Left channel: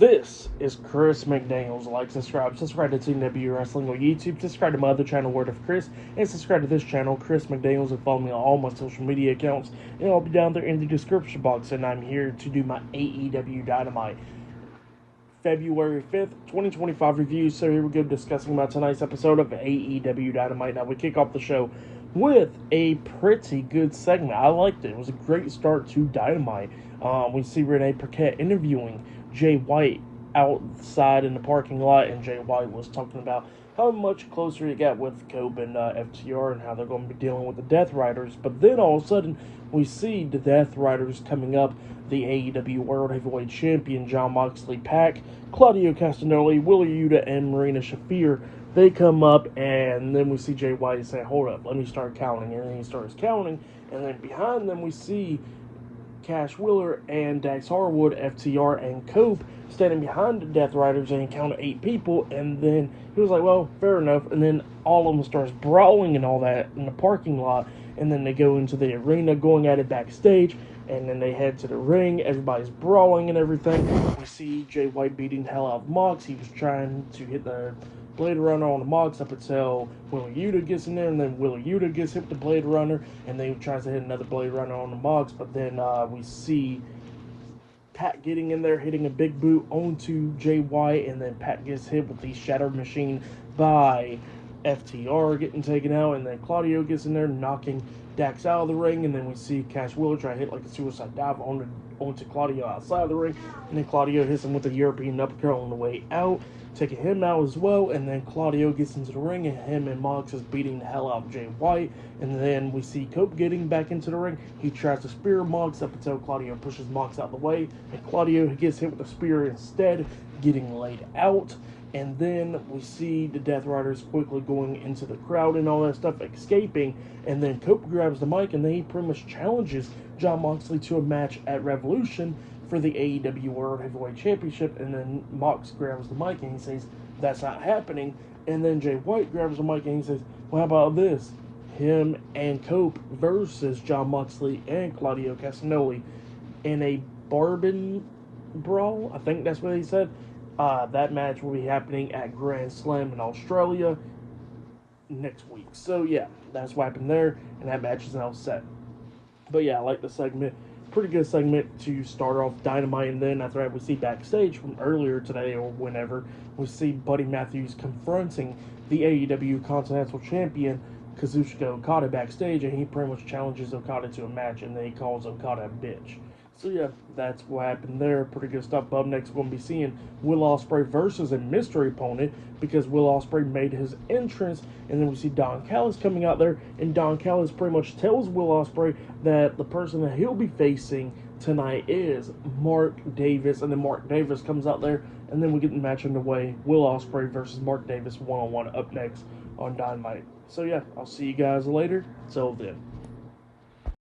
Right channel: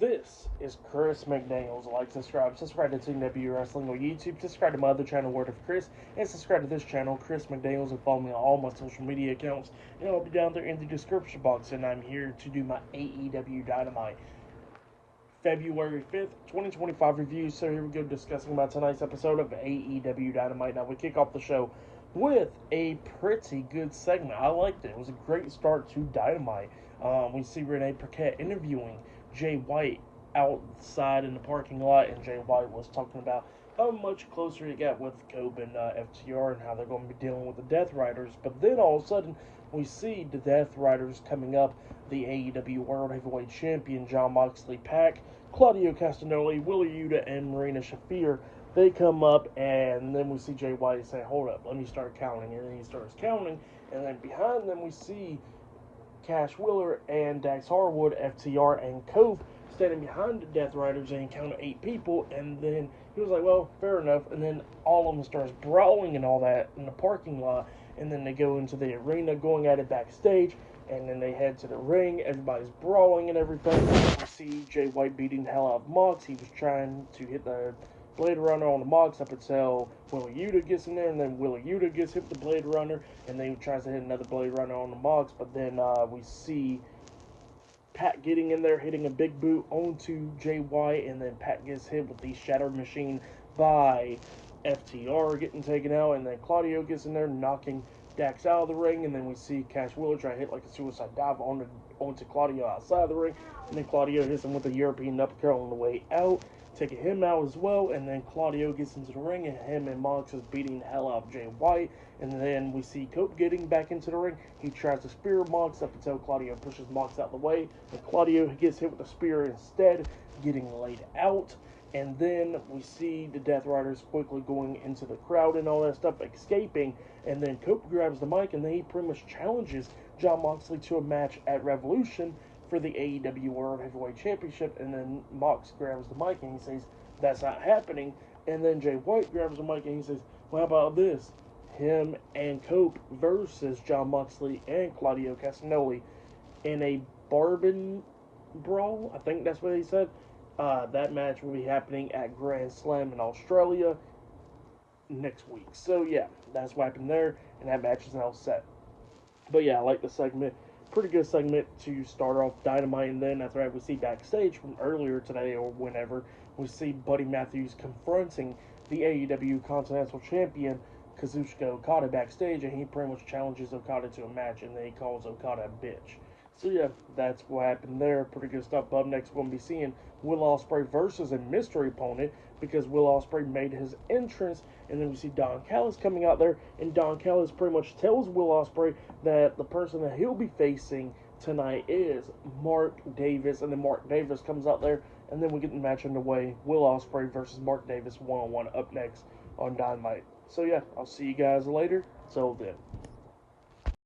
This is Chris McDaniels. Like, subscribe to TNW Wrestling on YouTube, subscribe to my other channel, Word of Chris, and subscribe to this channel, Chris McDaniels, and follow me on all my social media accounts, and I'll be down there in the description box, and I'm here to do my AEW Dynamite February 5th, 2025 review. So here we go, discussing about tonight's episode of AEW Dynamite. Now, we kick off the show with a pretty good segment. I liked it. It was a great start to Dynamite. We see Renee Paquette interviewing Jay White outside in the parking lot, and Jay White was talking about how much closer he got with Cope and FTR and how they're going to be dealing with the Death Riders. But then all of a sudden, we see the Death Riders coming up. The AEW World Heavyweight Champion Jon Moxley, Pac, Claudio Castagnoli, Wheeler Yuta, and Marina Shafir. They come up, and then we see Jay White say, "Hold up, let me start counting." And then he starts counting, and then behind them we see Cash Wheeler and Dax Harwood, FTR, and Cope standing behind the Death Riders, and he counted 8 people, and then he was like, well, fair enough, and then all of them starts brawling and all that in the parking lot, and then they go into the arena going at it backstage, and then they head to the ring, everybody's brawling and everything. We see Jay White beating the hell out of Mox. He was trying to hit the Blade Runner on the Mox up until Wheeler Yuta gets in there, and then Wheeler Yuta gets hit with the Blade Runner, and then he tries to hit another Blade Runner on the Mox, but then we see Pat getting in there, hitting a big boot onto Jay White, and then Pat gets hit with the Shattered Machine by FTR getting taken out, and then Claudio gets in there, knocking Dax out of the ring, and then we see Cash Wheeler try to hit like a suicide dive onto Claudio outside of the ring, and then Claudio hits him with a European uppercut on the way out, taking him out as well, and then Claudio gets into the ring, and him and Mox is beating the hell out of Jay White, and then we see Cope getting back into the ring. He tries to spear Mox up until Claudio pushes Mox out of the way, and Claudio gets hit with a spear instead, getting laid out. And then we see the Death Riders quickly going into the crowd and all that stuff, escaping, and then Cope grabs the mic, and then he pretty much challenges Jon Moxley to a match at Revolution for the AEW World Heavyweight Championship, and then Mox grabs the mic and he says, "That's not happening." And then Jay White grabs the mic and he says, "Well, how about this? Him and Cope versus Jon Moxley and Claudio Castagnoli in a Bourbon Brawl." I think that's what he said. That match will be happening at Grand Slam in Australia next week. So yeah, that's what happened there, and that match is now set. But yeah, I like the segment. Pretty good segment to start off Dynamite, and then after that we see backstage from earlier today or whenever, we see Buddy Matthews confronting the AEW Continental Champion Kazuchika Okada backstage, and he pretty much challenges Okada to a match, and then he calls Okada a bitch. So yeah, that's what happened there. Pretty good stuff. Up next, we're going to be seeing Will Ospreay versus a mystery opponent, because Will Ospreay made his entrance, and then we see Don Callis coming out there, and Don Callis pretty much tells Will Ospreay that the person that he'll be facing tonight is Mark Davis, and then Mark Davis comes out there, and then we get the match underway. Will Ospreay versus Mark Davis one-on-one up next on Dynamite. So yeah, I'll see you guys later. Till then.